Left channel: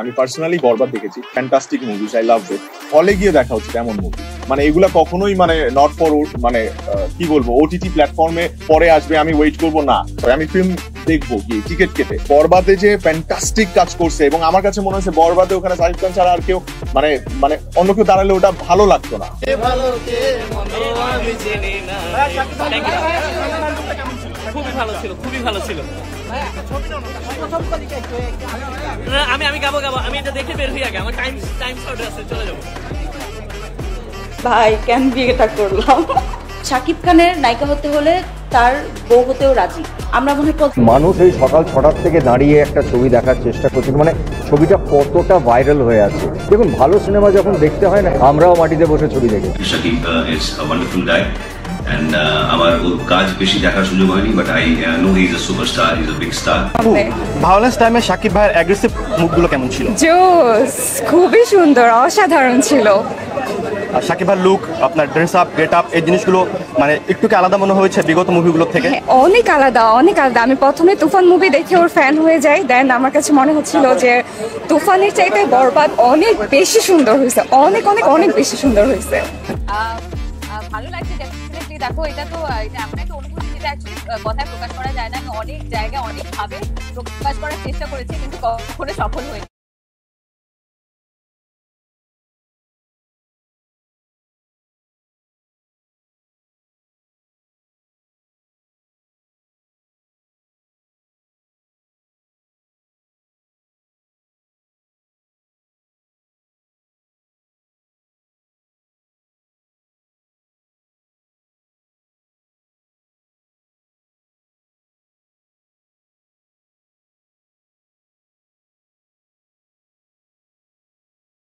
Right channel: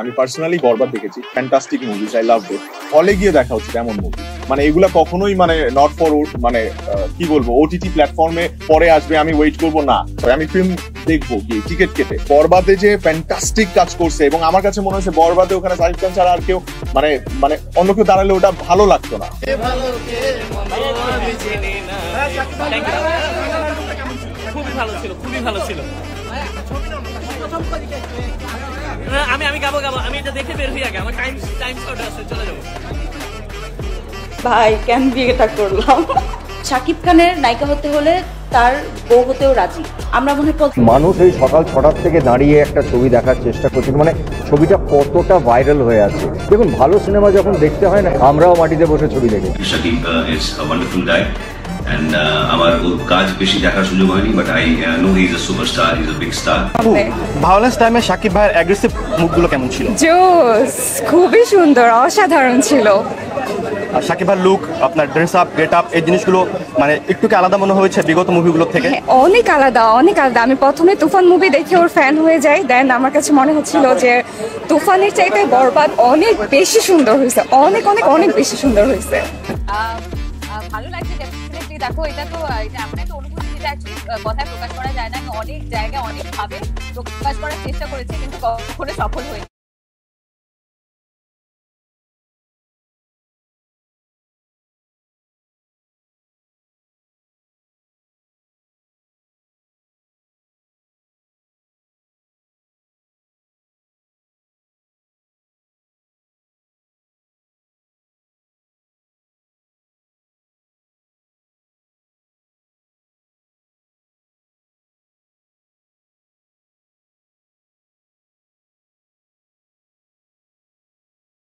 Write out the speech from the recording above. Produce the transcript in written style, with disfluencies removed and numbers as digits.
আমি পার্সোনালি বরবাদ দেখেছি, fantastic movies, I love ইট। হলে গিয়ে দেখা হচ্ছে কেমন মুভি, মানে এগুলা কখনোই মানে নট ফর মানে কি বলবো ওটিটি প্ল্যাটফর্মে পরে আসবে আমি ওয়েট করবো না, আমি ফিল্ম দেখবো গিয়ে টিকিট কেটে। বরবাদে যে ফ্যান্টাস্টিক কাজ করছে এবং আমার কাছে মনে হচ্ছে বরবাদে ওখানে শাকিব খান ছাড়া আর কেউ মানে মানে অন্য কেউ দাঁড়ালে ওটা ভালো লাগতো না। খুবই ভালো ছিল, খুবই ভালো ছিল। আমি গাবো আমি এটা দেখে বের হয়ে যাবে, আমার টাইম শর্ট আছে। ভাই কেন বিয়েটা করলাম? শাকিব খানের নায়িকা হতে হলে তার বউ হতেও রাজি। আমরা মনে হয় মানুষ এই সকাল 6টার থেকে দাঁড়িয়ে একটা ছবি দেখার চেষ্টা করছে, মানে ছবিটা কতটা ভাইরাল হয়ে আছে। দেখুন, ভালো সিনেমা যখন দেখতে হয় না, আমরাও মাটিতে বসে ছবি দেখি। Shakib is a wonderful guy and আমার ওর কাজ বেশি দেখার সুযোগ হয়নি, but I know he is a superstar, he is a big star. Violence টাইমে শাকিব ভাইয়ের অ্যাগ্রেসিভ মুভগুলো কেমন ছিল? জোস, খুবই সুন্দর, অসাধারণ ছিল। আর শাকিব ভাইয়ের লুক, আপনার ড্রেস আপ, গেট আপ, এই জিনিসগুলো মানে একটু কি আলাদা মনে হয়েছে বিগত মুভিগুলো থেকে? অনেক আলাদা, অনেক আলাদা। আমি প্রথমে তুফান মুভি দেখে ওর ফ্যান হয়ে যাই, দেন আমার কাছে মনে হচ্ছিল যে তুফানের চাইতে বরবাদ অনেক বেশি সুন্দর হয়েছে, অনেক অনেক অনেক বেশি সুন্দর হয়েছে। ভালো লাগছে ডেফিনেটলি। দেখো এটা তো এটা এমন একটা অনুভূতি যেটা অ্যাকচুয়ালি কথায় প্রকাশ করা যায় না। অনেক জায়গায় অনেক ভাবে প্রকাশ করার চেষ্টা করেছি, কিন্তু কখনো সফল হয়নি।